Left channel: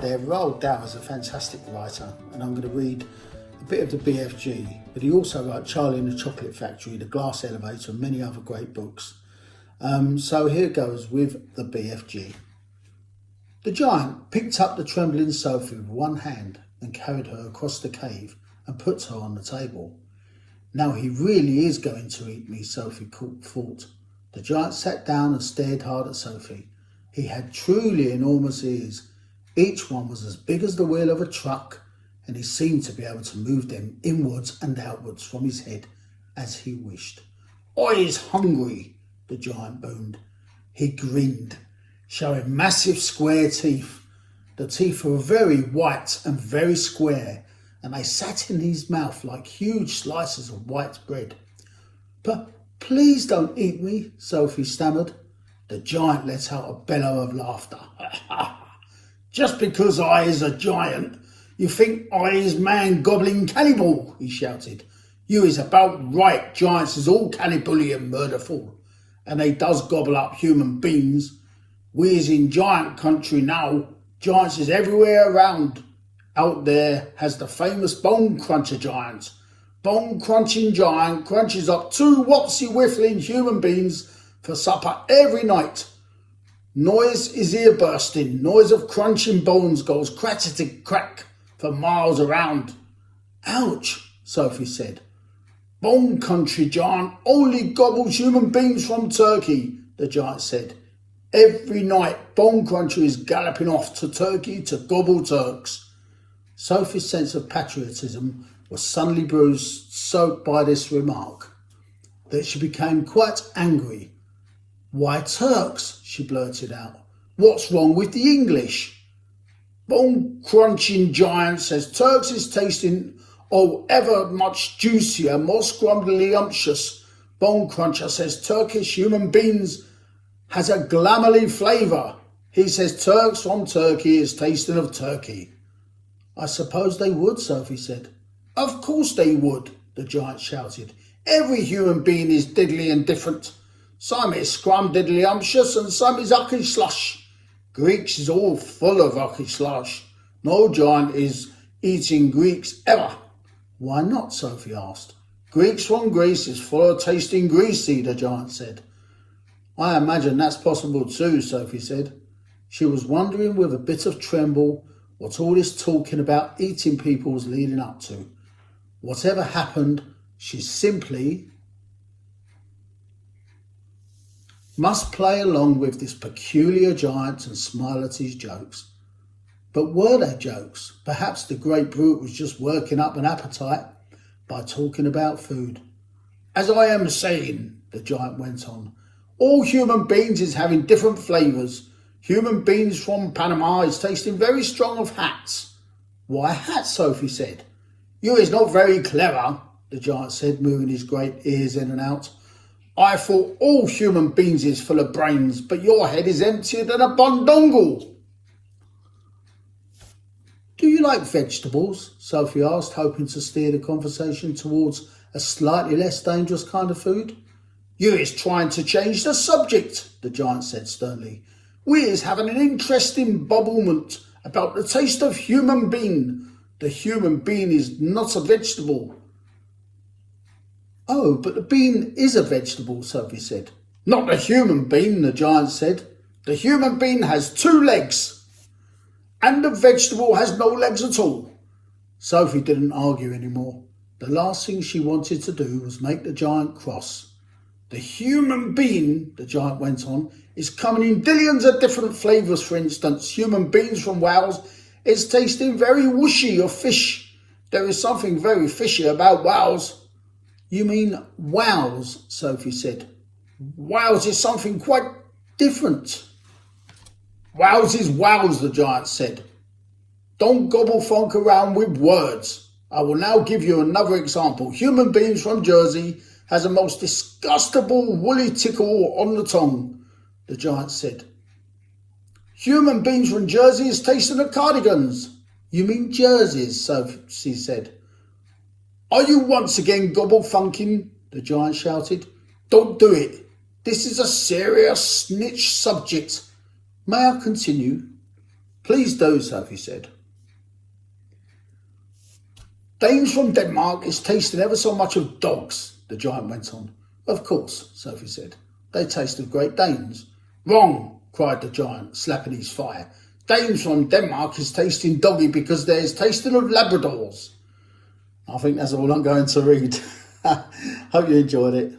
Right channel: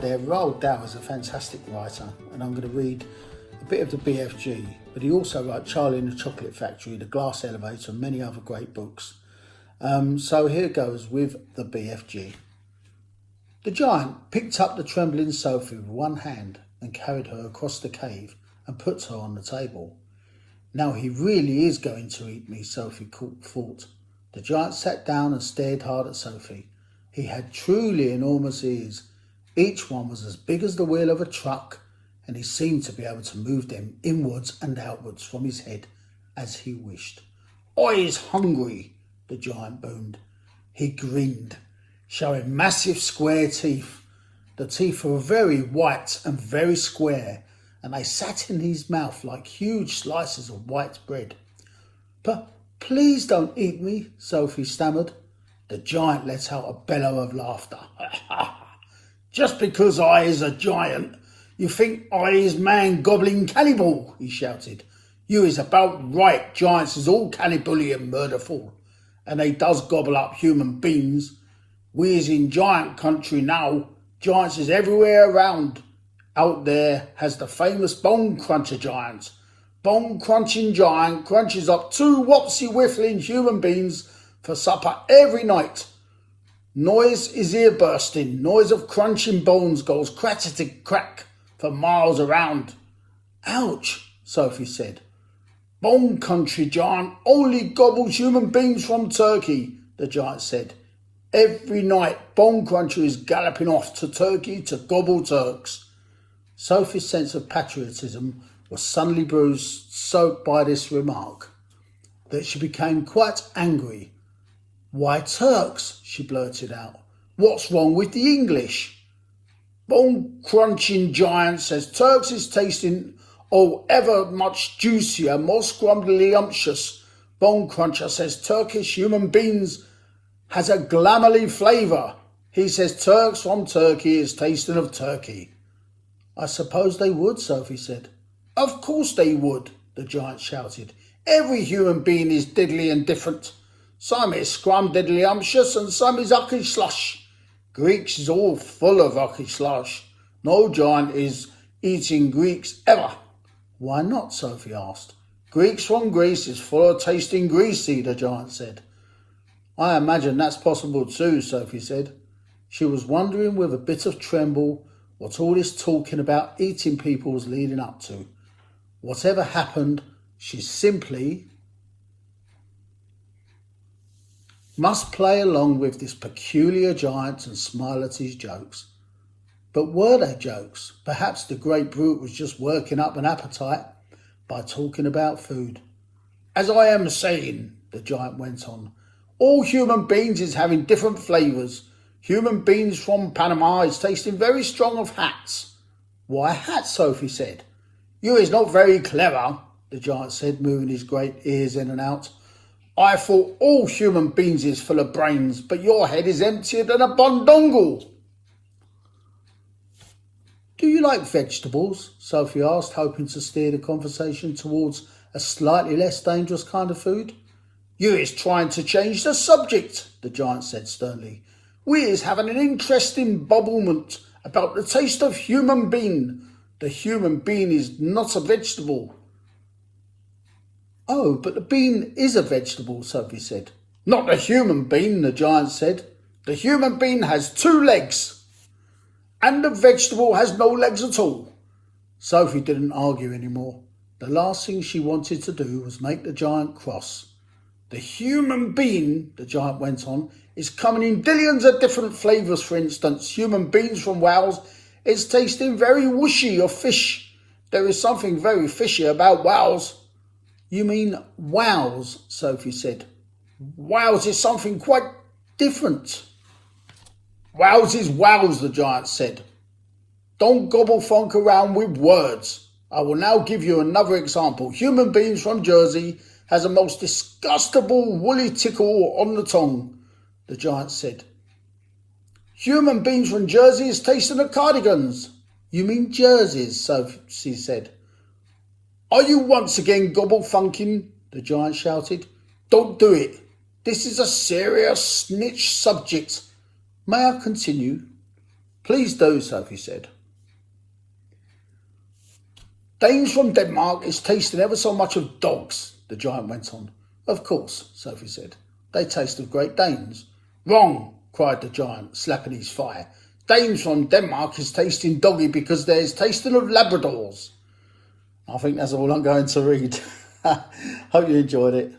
there, Roald Dahl is a fantastic writer, and I'm going to read a bit of the BFG, but he also wrote Charlie and the Chocolate Factory, The Glass Elevator, and many other great books. So here goes with the BFG. The giant picked up the trembling Sophie with one hand and carried her across the cave and put her on the table. Now he really is going to eat me, Sophie thought. The giant sat down and stared hard at Sophie. He had truly enormous ears. Each one was as big as the wheel of a truck, and he seemed to be able to move them inwards and outwards from his head as he wished. "I's hungry," the giant boomed. He grinned, showing massive square teeth. The teeth were very white and very square, and they sat in his mouth like huge slices of white bread. "But please don't eat me," Sophie stammered. The giant let out a bellow of laughter. "Just because I is a giant, you think I is man-gobbling cannibal," he shouted. "You is about right, giants is all cannibally and murderful, and they does gobble up human beings. We is in giant country now. Giants is everywhere around. Out there has the famous bone cruncher giant. Bone crunching giant crunches up 2 wopsy whiffling human beings for supper every night. Noise is ear bursting. Noise of crunching bones goes crack-a-tick-crack for miles around." "Ouch," Sophie said. "Bone country giant only gobbles human beings from Turkey," the giant said. "Every night Bone Cruncher is galloping off to Turkey to gobble Turks." Sophie's sense of patriotism was suddenly bruised so by this remark that she became quite angry. "Why Turks?" she blurted out. "What's wrong with the English?" "Bone crunching giant says Turks is tasting ever much juicier, more scrumbly umptious. Bone cruncher says Turkish human beans has a glamoury flavour. He says Turks from Turkey is tasting of Turkey." "I suppose they would," Sophie said. "Of course they would," the giant shouted. "Every human being is diddly and different. Some is scrum-diddly umptious and some is ucky slush. Greeks is all full of ucky slush. No giant is eating Greeks ever." "Why not?" Sophie asked. "Greeks from Greece is full of tasting greasy," the giant said. "I imagine that's possible too," Sophie said. She was wondering with a bit of tremble what all this talking about eating people was leading up to. Whatever happened, she simply must play along with this peculiar giant and smile at his jokes. But were they jokes? Perhaps the great brute was just working up an appetite by talking about food. "As I am saying," the giant went on, "all human beings is having different flavours. Human beings from Panama is tasting very strong of hats." "Why hats?" Sophie said. "You is not very clever," the giant said, moving his great ears in and out. "I thought all human beings is full of brains, but your head is emptier than a bundongle." "Do you like vegetables?" Sophie asked, hoping to steer the conversation towards a slightly less dangerous kind of food. "You is trying to change the subject," the giant said sternly. "We is having an interesting bubblement about the taste of human bean. The human bean is not a vegetable." "Oh, but the bean is a vegetable," Sophie said. "Not the human bean," the giant said. "The human bean has 2 legs, and the vegetable has no legs at all." Sophie didn't argue anymore. The last thing she wanted to do was make the giant cross. "The human bean," the giant went on, "is coming in billions of different flavours. For instance, human beans from Wales is tasting very whooshy of fish. There is something very fishy about Wales." "You mean wows?" Sophie said. "Wales is something quite different." "Wales is wows," the giant said. "Don't gobble funk around with words. I will now give you another example. Human beings from Jersey has a most disgustable woolly tickle on the tongue," the giant said. "Human beings from Jersey is tasting of cardigans." "You mean jerseys?" Sophie said. "Are you once again gobble funking?" the giant shouted. "Don't do it. This is a serious snitch subject. May I continue?" Please do, Sophie said. Danes from Denmark is tasting ever so much of dogs, the giant went on. Of course, Sophie said. They taste of Great Danes. Wrong, cried the giant, slapping his thigh. Danes from Denmark is tasting doggy because there's tasting of Labradors. I think that's all I'm going to read. Hope you enjoyed it.